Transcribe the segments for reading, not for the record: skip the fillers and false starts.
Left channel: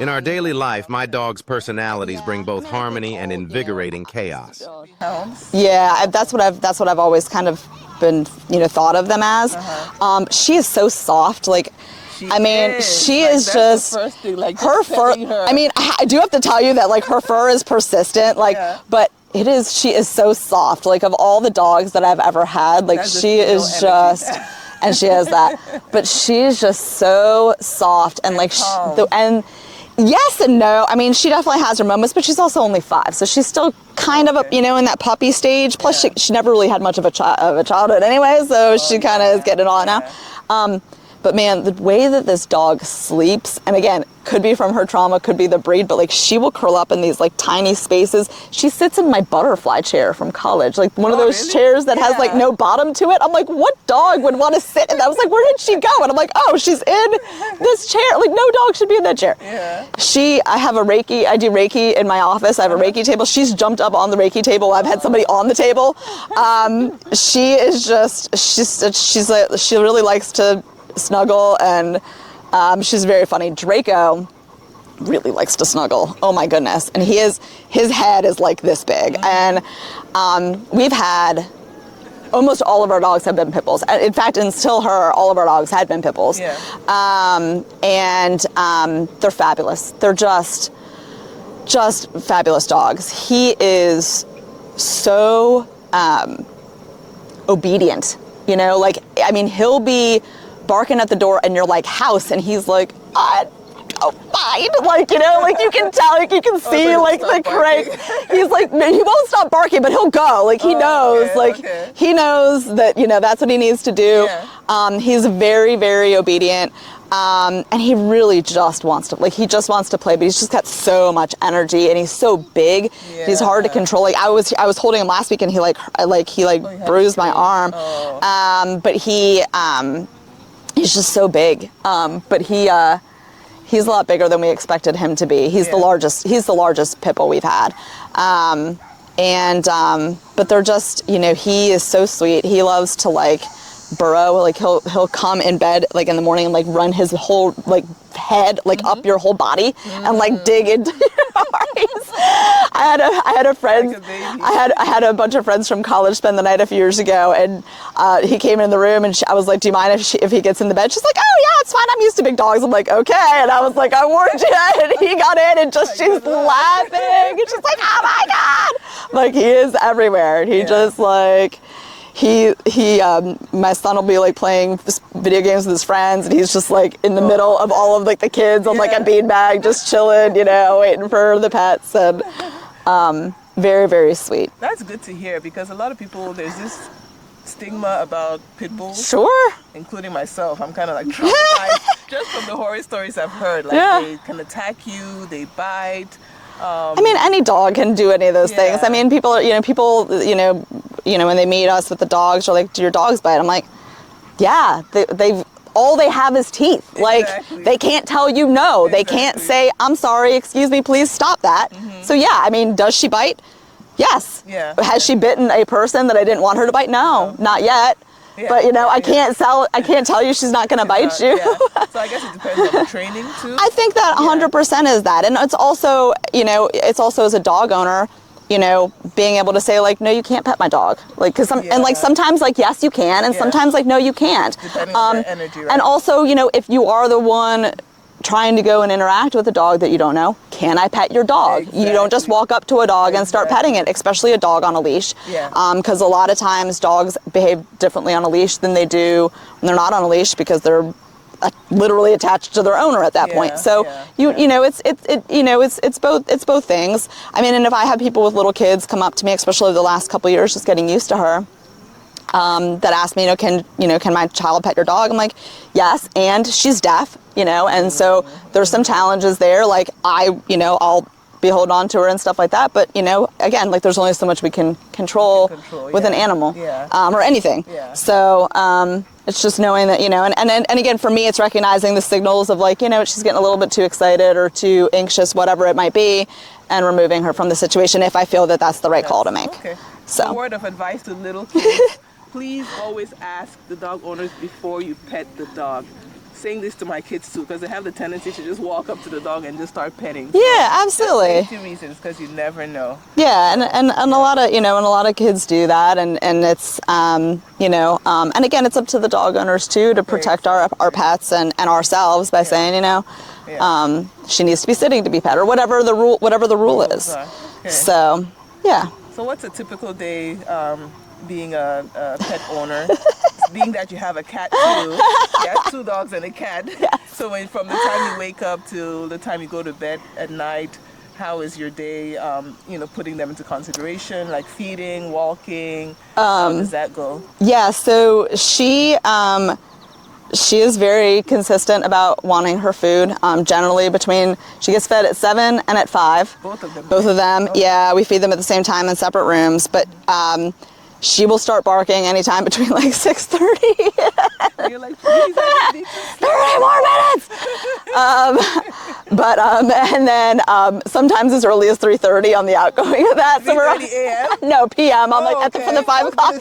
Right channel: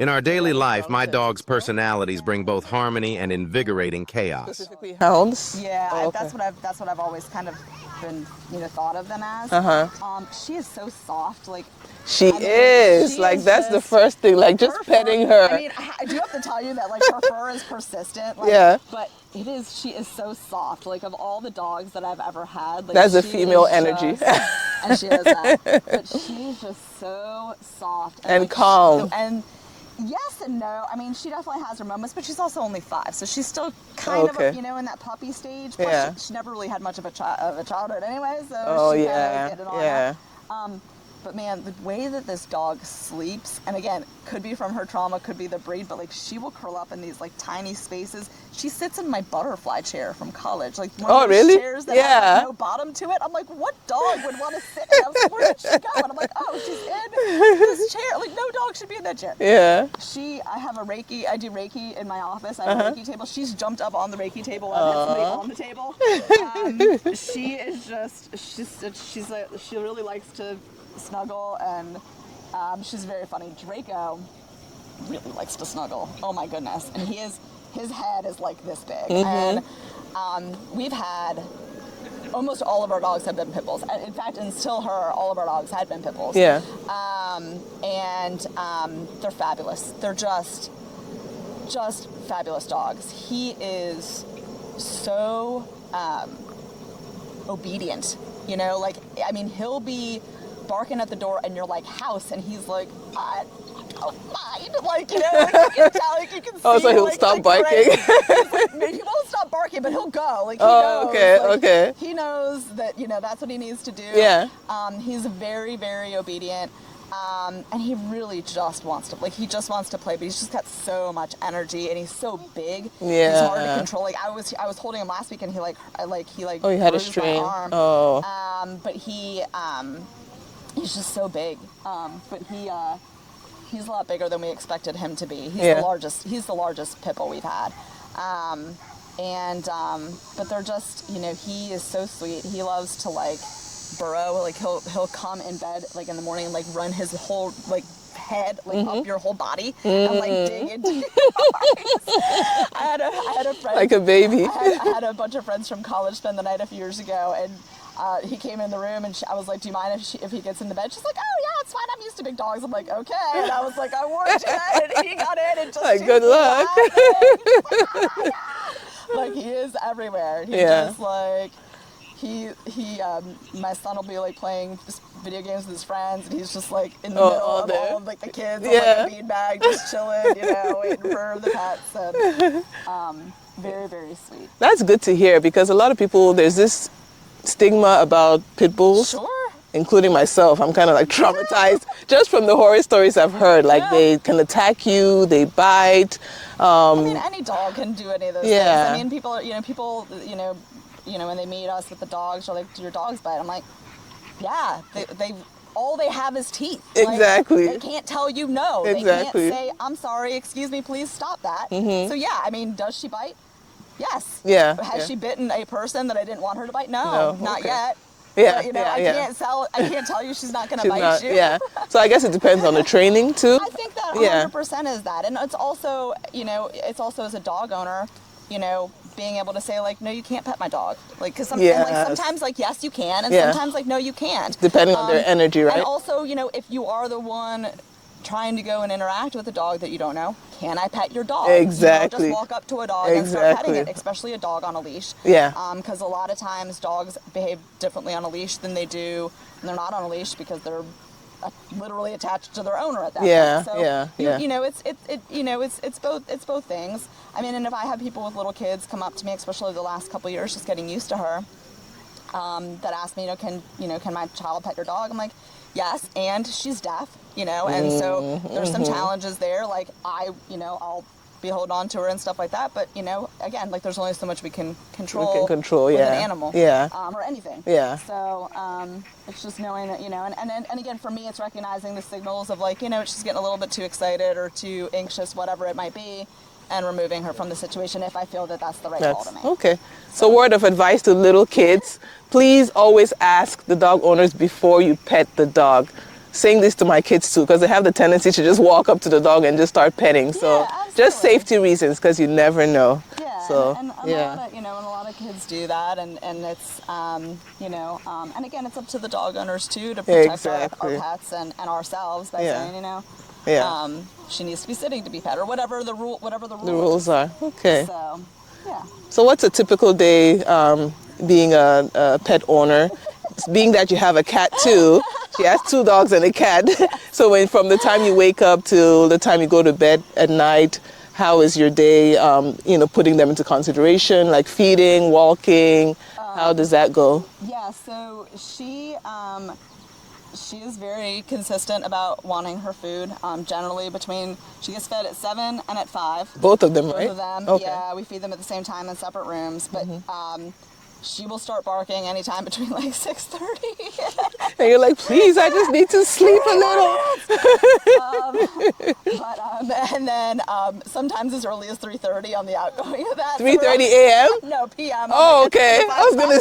In our daily life, my dog's personalities bring both harmony and invigorating chaos. Hounds? Yeah, that's what I've always kind of been, thought of them as. She is so soft, like. She is that's just the first thing, like her fur. Her. I mean, I do have to tell you that like her fur is persistent, like, but she is so soft. Like of all the dogs that I've ever had, like she is just, and she has that, but she's just so soft and like calm. And yes and no. I mean, she definitely has her moments, but she's also only 5, so she's still kind of, in that puppy stage. Plus, she never really had much of a childhood anyway, so she kind of is getting it on now. But man, the way that this dog sleeps, and again, could be from her trauma, could be the breed, but like she will curl up in these like tiny spaces. She sits in my butterfly chair from college, like one of those chairs that has like no bottom to it. I'm like, what dog would want to sit in that? I was like, where did she go? And I'm like, oh, she's in this chair. Like no dog should be in that chair. Yeah. I do Reiki in my office. I have a Reiki table. She's jumped up on the Reiki table. I've had somebody on the table. She really likes to snuggle, and she's very funny. Draco really likes to snuggle. Oh my goodness. And his head is like this big. And we've had almost all of our dogs have been pit bulls. In fact, until her, all of our dogs had been pit bulls. Yeah. And they're fabulous. They're just fabulous dogs. He is so obedient, like, I mean, he'll be barking at the door and you're like, house, and he's like, oh, fine. Like, like you can tell, like you can see, like the crazy. He's like, he won't stop barking, but he'll go. Like he knows, he knows that, that's what he needs to do. Yeah. He's very, very obedient. And he really just wants to, he just wants to play, but he's just got so much energy and he's so big. Yeah. He's hard to control. Like I was holding him last week and he bruised my arm. Oh. But he's just so big. But he's a lot bigger than we expected him to be. He's the largest pit bull we've had. But they're just, he is so sweet. He loves to burrow, he'll come in bed in the morning and run his whole head up your whole body and dig into your arms. I had a friend, like a baby. I had a bunch of friends from college spend the night a few years ago, and he came in the room and I was like, do you mind if he gets in the bed? She's like, oh yeah, it's fine, I'm used to big dogs. I'm like, okay. And I was like, I warned you. And he got in and just, she's laughing. And she's like, oh my God. He is everywhere. He just my son will be video games with his friends, and he's just in the middle of all of the kids on a beanbag, just chilling, waiting for the pets, and very, very sweet. That's good to hear, because a lot of people, there's this stigma about pit bulls. Sure. Including myself. I'm kind of traumatized just from the horror stories I've heard. They can attack you, they bite. I mean, any dog can do any of those things. I mean, people when they meet us with the dogs, are like, do your dogs bite? I'm like, yeah, all they have is teeth. Exactly. They can't tell you no. Exactly. They can't say, I'm sorry, excuse me, please stop that. So yeah, I mean, does she bite? Yes. Yeah. Has she bitten a person that I didn't want her to bite? No. Not yet. Yeah, but I can't tell you she's not going to bite you. Yeah. So I guess it depends on the training too. I think that 100% is that, and it's also as a dog owner, being able to say no, you can't pet my dog, because sometimes yes you can, and sometimes no you can't. Depending on the energy, right? And also if you are the one trying to go and interact with a dog that you don't know, can I pet your dog? Exactly. You don't just walk up to a dog and start petting it, especially a dog on a leash. Yeah. Because a lot of times dogs behave differently on a leash than they do when they're not on a leash, because they're literally attached to their owner at that point. So it's both things. I mean, and if I have people with little kids come up to me, especially the last couple of years, just getting used to her, that ask me, can my child pet your dog? I'm like, yes, and she's deaf, and so there's some challenges there. I'll be holding on to her and stuff like that. But again, there's only so much we can control with an animal, or anything. Yeah. So it's just knowing that and again, for me, it's recognizing the signals of she's getting a little bit too excited or too anxious, whatever it might be, and removing her from the situation if I feel that that's the right call to make. Okay. So word of advice to little kids. Please always ask the dog owners before you pet the dog. saying this to my kids too, because they have the tendency to just walk up to the dog and just start petting. So Yeah, absolutely. Just safety reasons, because you never know. Yeah, So, and a lot of and a lot of kids do that, and it's and again, it's up to the dog owners too to protect our pets and ourselves by saying she needs to be sitting to be pet, or whatever the rule is. Are. Okay. So yeah. So what's a typical day being a pet owner? Being that you have a cat too, you have 2 dogs and a cat. Yes. So from the time you wake up till the time you go to bed at night, how is your day? Putting them into consideration, like feeding, walking. How does that go? Yeah. So she is very consistent about wanting her food. Generally, she gets fed at 7 and at 5. Both of them. Both right? of them. Okay. Yeah, we feed them at the same time in separate rooms, but. She will start barking anytime between like 6:30. And you're like, please, I just need to sleep. 3 more minutes. And then sometimes as early as 3:30 on the outgoing of that. 3:30 a.m.? No, p.m. Okay. At the 5 o'clock.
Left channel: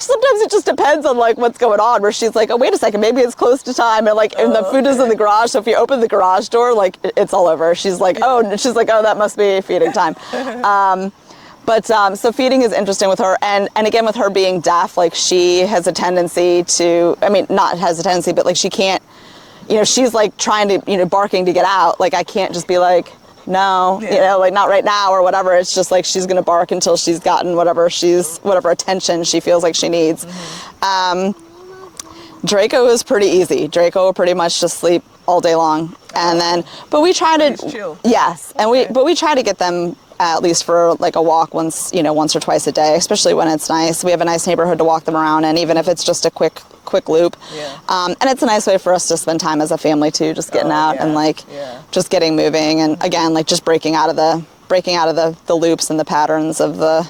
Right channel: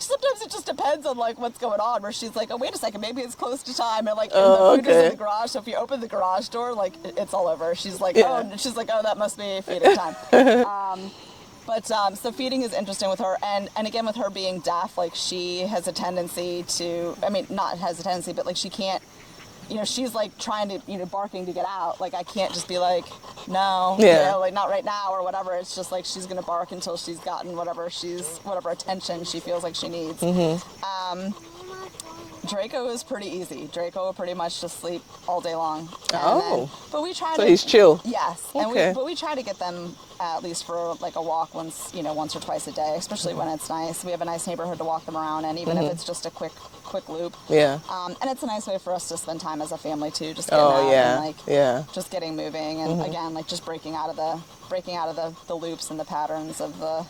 Sometimes it just depends on like what's going on. Where she's like, oh wait a second, maybe it's close to time, and the food is in the garage. So if you open the garage door, like it's all over. She's like, oh, that must be feeding time. But so feeding is interesting with her, and again with her being deaf, like she has a tendency to, not has a tendency, but like she can't, she's like trying to, barking to get out. Like I can't just be like, no, like not right now or whatever. It's just like she's gonna bark until she's gotten whatever attention she feels like she needs. Draco is pretty easy. Draco will pretty much just sleep all day long, but we try to. He's chill. Yes, okay. and we try to get them at least for like a walk once or twice a day, especially when it's nice. We have a nice neighborhood to walk them around in, even if it's just a quick loop. Yeah. And it's a nice way for us to spend time as a family too, just getting out and just getting moving, and again, like just breaking out of the loops and the patterns of the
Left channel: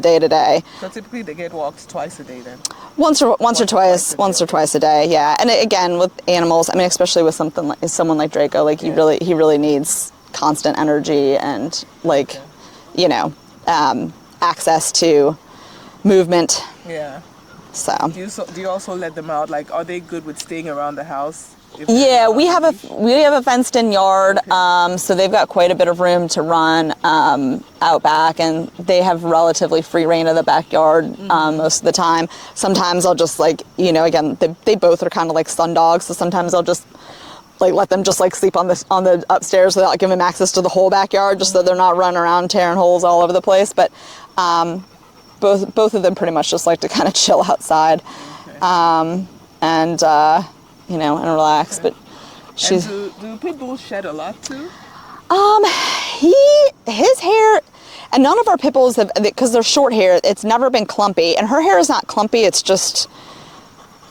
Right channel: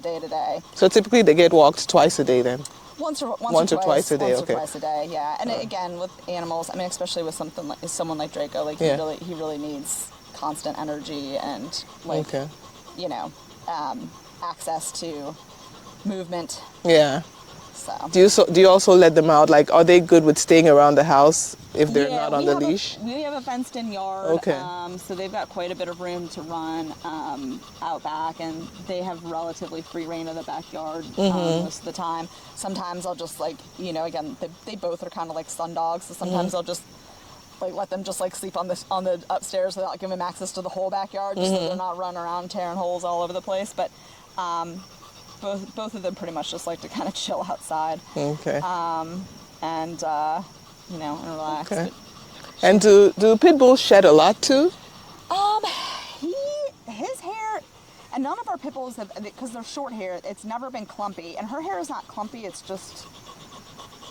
day to day. So typically they get walked twice a day then? Once or twice a day, yeah. And again, with animals, especially with someone like Draco, like he really needs constant energy and access to movement. Yeah. So do you also let them out? Like, are they good with staying around the house? If we have a fenced-in yard, okay. So they've got quite a bit of room to run out back, and they have relatively free reign of the backyard most of the time. Sometimes I'll just again they both are kind of like sun dogs, so sometimes I'll just let them just sleep on the upstairs without giving them access to the whole backyard, just so they're not running around tearing holes all over the place. But both of them pretty much just like to kind of chill outside, and relax. Okay. But and do pit bulls shed a lot too? His hair, and none of our pit bulls have, because they're short hair. It's never been clumpy, and her hair is not clumpy. It's just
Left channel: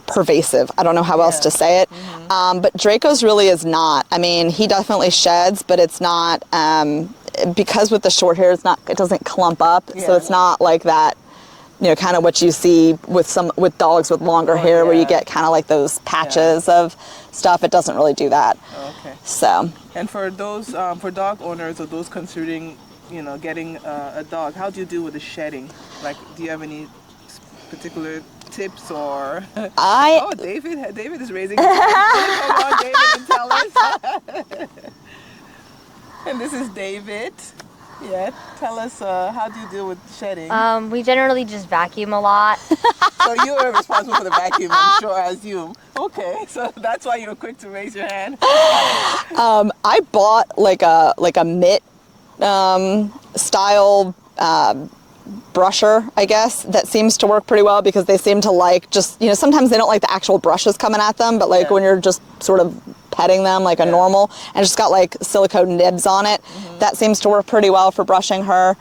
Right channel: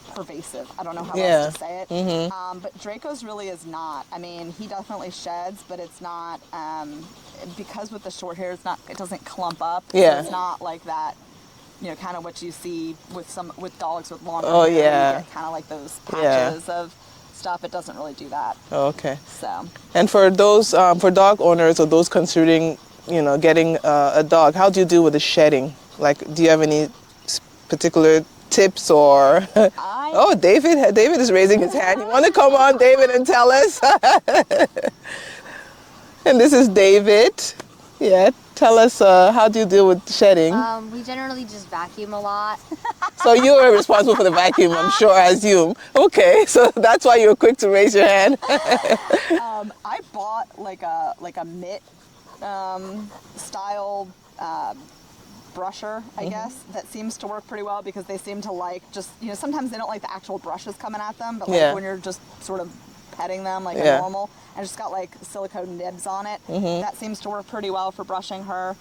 pervasive. I don't know how else to say it. But Draco's really is not. He definitely sheds, but it's not, because with the short hair, it doesn't clump up. Yeah. So it's not like that, kind of what you see with dogs with longer hair, where you get kind of like those patches of stuff. It doesn't really do that. Okay. So. And for those, for dog owners or those considering, getting a dog, how do you deal with the shedding? Like, do you have any particular tips or? David is raising his hand. You want to come on, David, and tell us? And this is David. Yeah, tell us, how do you deal with shedding? We generally just vacuum a lot. So you are responsible for the vacuum, I'm sure, I assume. Okay, so that's why you were quick to raise your hand. I bought like a mitt style brusher, I guess, that seems to work pretty well, because they seem to like just, sometimes they don't like the actual brushes coming at them, but when you're just sort of petting them like a normal, and it's just got like silicone nibs on it, that seems to work pretty well for brushing her.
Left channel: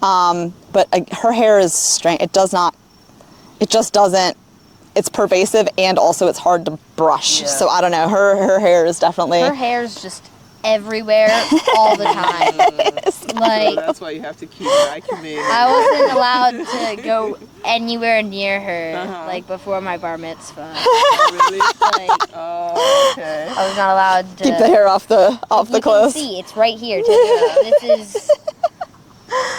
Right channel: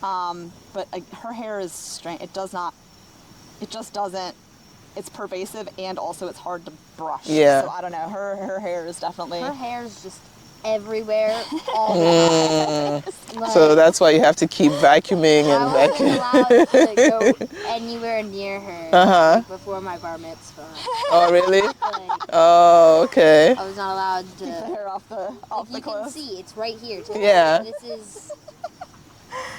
But her hair is strange. It just doesn't, it's pervasive, and also it's hard to brush. So I don't know, her hair is definitely. Her hair's just everywhere all the time. So that's why you have to keep vacuuming. I wasn't allowed to go anywhere near her before my bar mitzvah. Oh, really? Okay. I was not allowed to keep the hair off the clothes. You can see, it's right here too. Yeah. This is.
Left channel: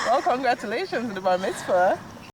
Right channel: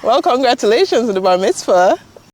Well, congratulations on the bar mitzvah.